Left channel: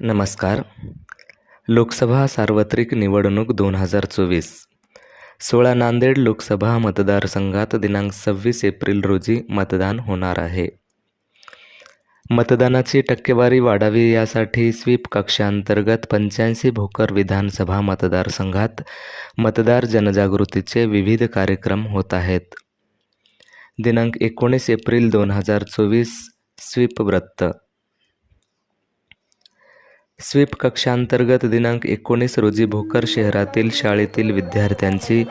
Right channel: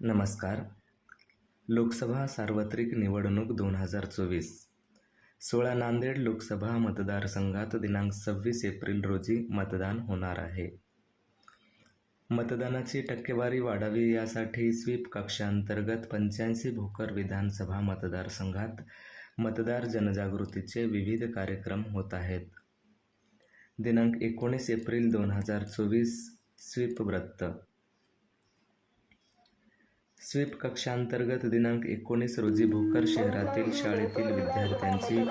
नमस्कार. लोकसभा सार्वत्रिक निवडणूक दोन हजार चोवीस. सोळा नांदेड लोकसभा मतदारसंघात दिनांक सव्वीस एप्रिल रोजी मतदान होणार आहे. मतदानाची टक्केवारी वाढावी यासाठी स्वीप कक्षांतर्गत पंच्याऐंशी भोकर विधानसभा मतदारसंघात मतदार जनजागृतीचे विविध कार्यक्रम होत आहेत. दिनांक एकोणीस एप्रिल दोन हजार चोवीस स्वीप वृत्त. स्वीप कक्षांतर्गत दिनांक एकोणीस रोजी भोकर शहरातील शाळेतील विद्यार्थ्यांची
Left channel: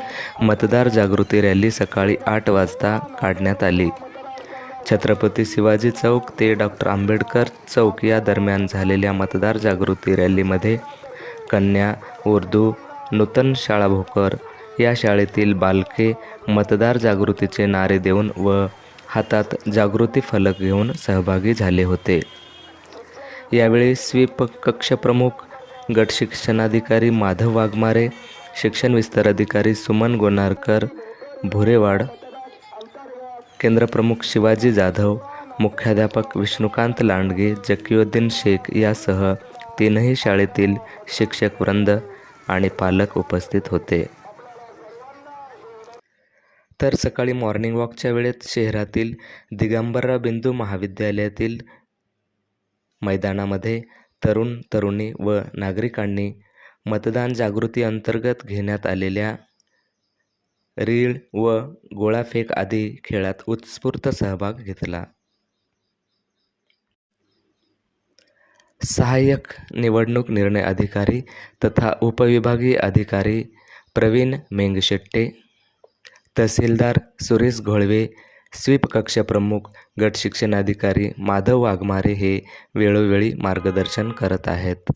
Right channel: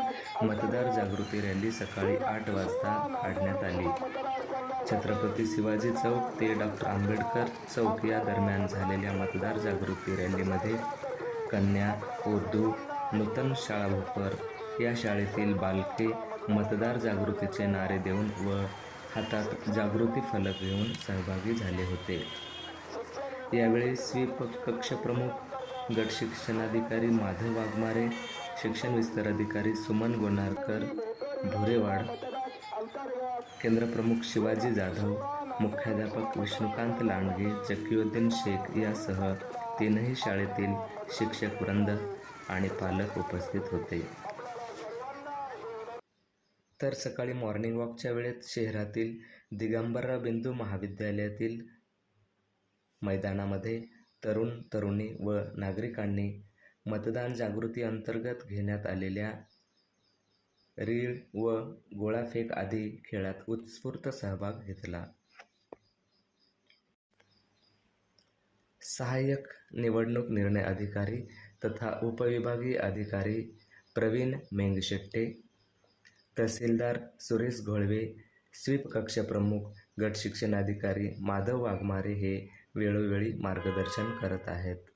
मतदार जागृती रॅली सकाळी आठ वाजता काढण्यात आली. छत्रपती शिवाजी चौक ते डॉक्टर आंबेडकर चौक या दरम्यान झालेल्या मतदार जागृती रॅलीमध्ये कन्या उर्दू नूतन शाळा भोकर या शाळेतील बालके मतदार जागृतीचे नारे देऊन व हातात जागृती फलक घेऊन सहभागी झाले होते. यावेळी स्वीप कक्षप्रमुख गट शिक्षणाधिकारी माधव वाघमारे शिक्षण विस्तार अधिकारी सुमन गोनारकर भुरेवाड केंद्रप्रमुख शिवाजी जाधव मुख्याध्यापक विष्णुकांत लांडगे जकीउद्दीन शेख यासह तीनही शाळेतील शिक्षक वृंद आणि पालक उपस्थित होते. तर सकाळी मॉर्निंग वॉकच्या वेळेत शहरातील दिगंबरराव बिंदू महाविद्यालयातील मैदानामध्ये तरुण तरुणी व नागरिकांनी मतदान जागृती अंतर्गत घेण्यात आलेल्या रीळ व गोळाफेक आदी खेळात उत्स्फूर्त सहभाग घेतला. सहाय्यक निवडणूक निर्णय अधिकारी तथा उपविभागीय अधिकारी प्रवीण मेंगशेट्टे तहसीलदार सुरेश घोळवे स्वीप कक्षप्रमुख गट शिक्षणाधिकारी माधव वाघमारे हे वेळोवेळी मार्गदर्शन करत आहेत.